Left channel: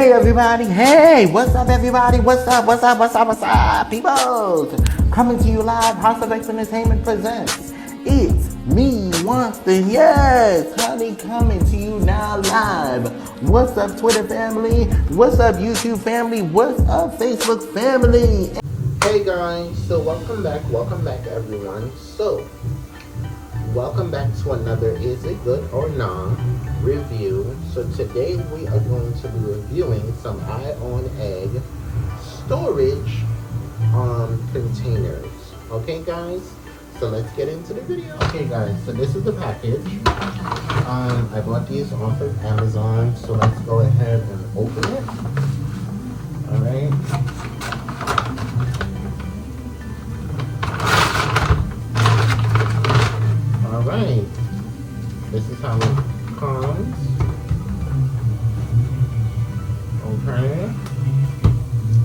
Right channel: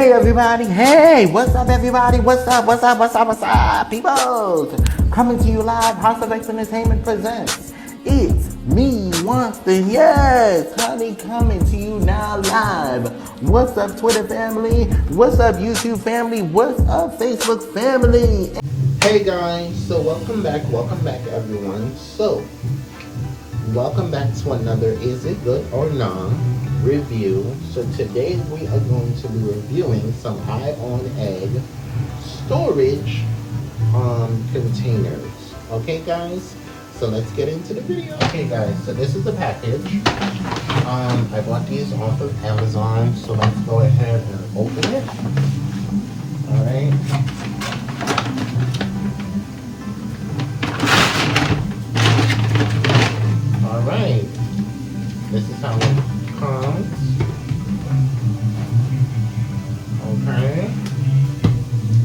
Hey everybody, hey, what's up everybody, what's up, people? Coming to you live, House of X Entertainment presents, it's me, Winston, yes, honey, coming to you now live. What's up Twitter family, what's up YouTube family, what's up Facebook family? Hey guys, so welcome back everyone. So, welcome back to another Is It Good or Nah review. So today we are going to be reviewing some Ionegg storage containers. Okay guys, so let's get into the video. Okay guys, so this is the package. I bought these off of Amazon, so let's go ahead and open it. Alright. Alright. This is how it comes. Okay.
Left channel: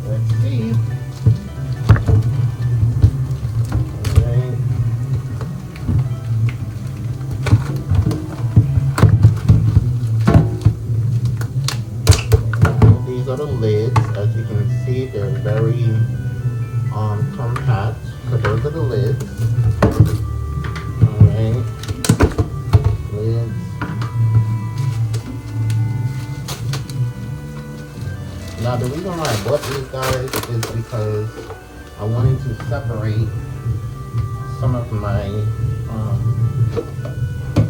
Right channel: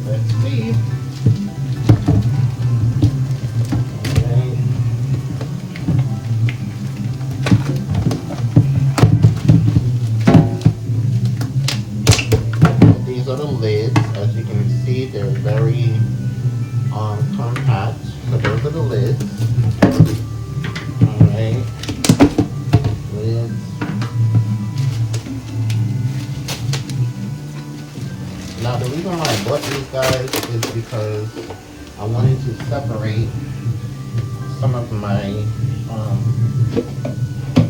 Let's see. Alright. These are the lids. As you can see, they're very compact. So those are the lids. Alright. Lids. Now the reason why I bought these guys is because I wanted to separate some of my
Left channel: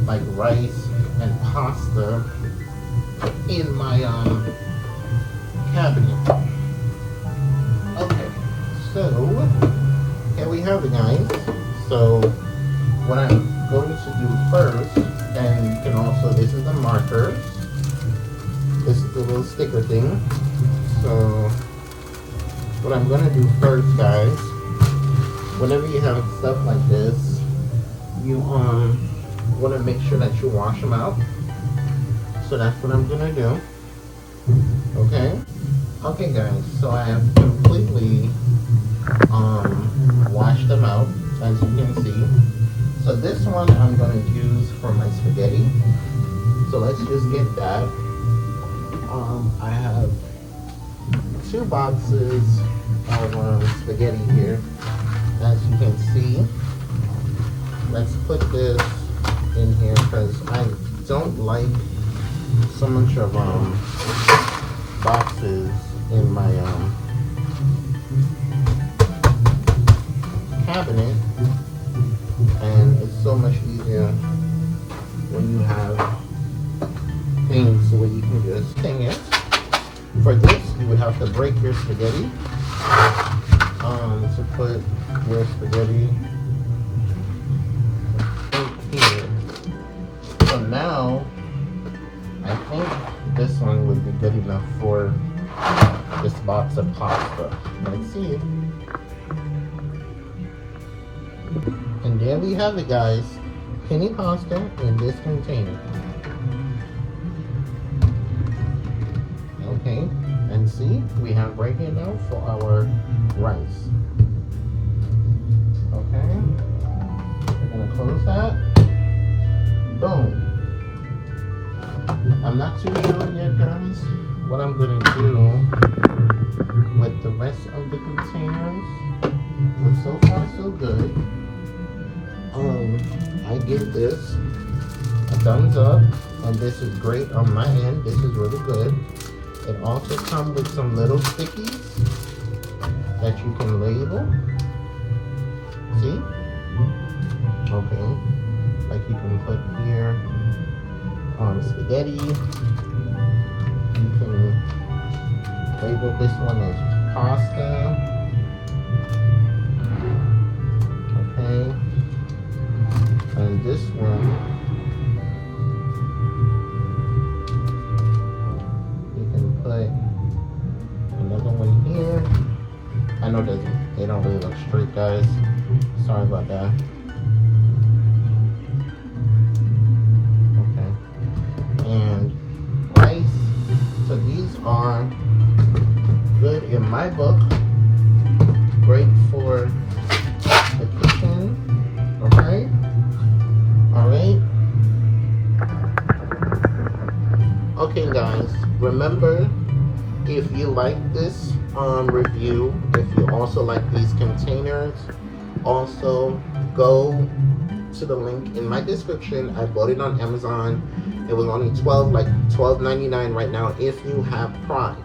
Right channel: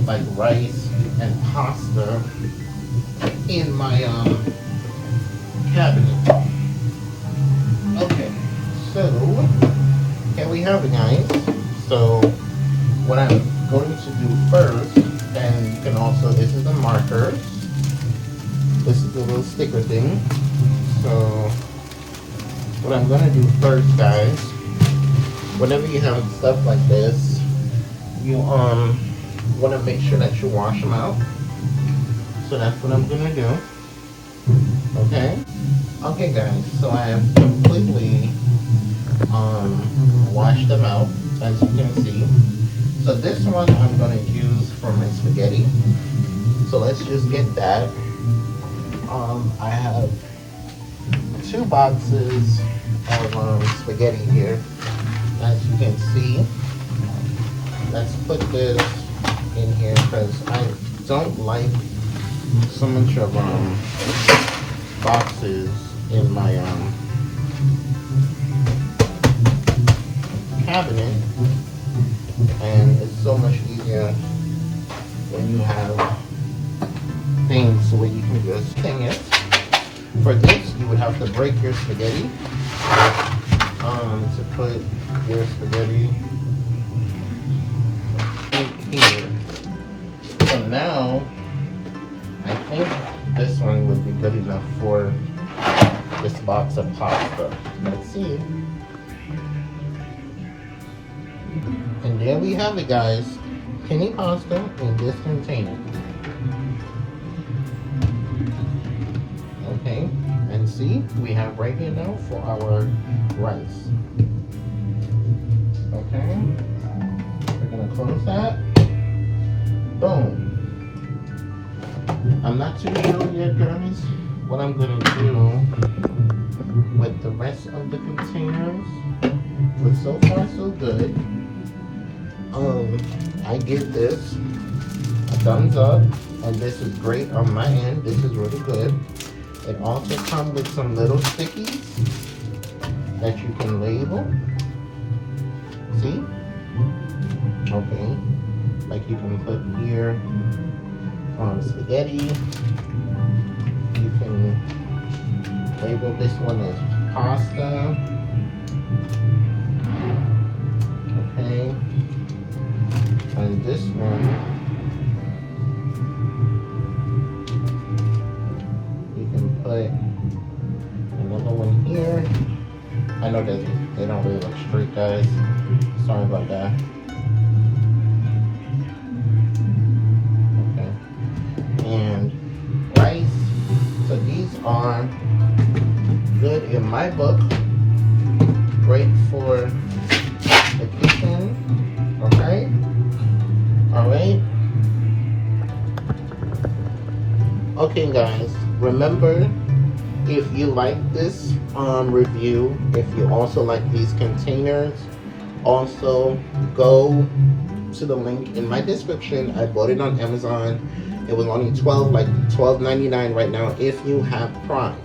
like rice and pasta in my cabinet. Okay, so here we have it guys. So what I'm going to do first, and you can also, this is the markers. This is the little sticker thing. So what I'm gonna do first guys, whenever you have stuff like this, you wanna make sure that you wash them out. So that's what I'm gonna do. Okay? Okay guys, so I have completely washed them out, as you can see. So this one I'm gonna use for my spaghetti. So let's just get that. I have 2 boxes of spaghetti here, as you can see. Let's put this in here because I don't like so much of boxes in my cabinet, and it's so much easier when you have things where you can just hang it. For this, you would have to break your spaghetti to put your spaghetti in here. So now, I think this one would be good enough for this box of pasta. Let's see. And there we have it guys. Penny pasta in this container. Okay, and see, we have right here now for our rice. Okay, we're gonna close that. Boom. I'm not too sure yet, guys, what I'm gonna do with the rest of the containers, but so far so good. I give this a thumbs up, and this is great on my end. This is really good. It also comes with some little stickies that you can label. See? Okay. Like you can put here on spaghetti. You can label this one as pasta. Okay. And this one, put another one here. I know that they don't really look straight guys. Sorry about that. Okay. And rice. So these are good in my book. Great for the kitchen. Okay? Alright? Okay guys, remember If you like this review, if you also like these containers, also go to the link in my description. I bought it on Amazon. It was only $12.99 right now if you have Prime.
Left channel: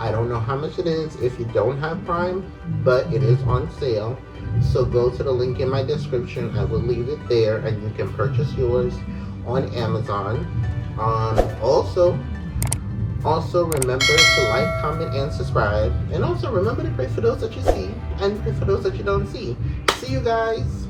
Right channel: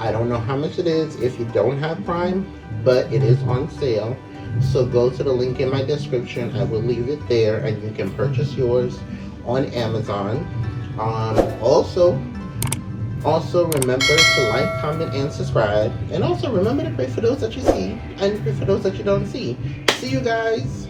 I don't know how much it is if you don't have Prime, but it is on sale. So go to the link in my description. I will leave it there, and you can purchase yours on Amazon. Also remember to like, comment, and subscribe. And also remember to pray for those that you see and pray for those that you don't see. See you guys.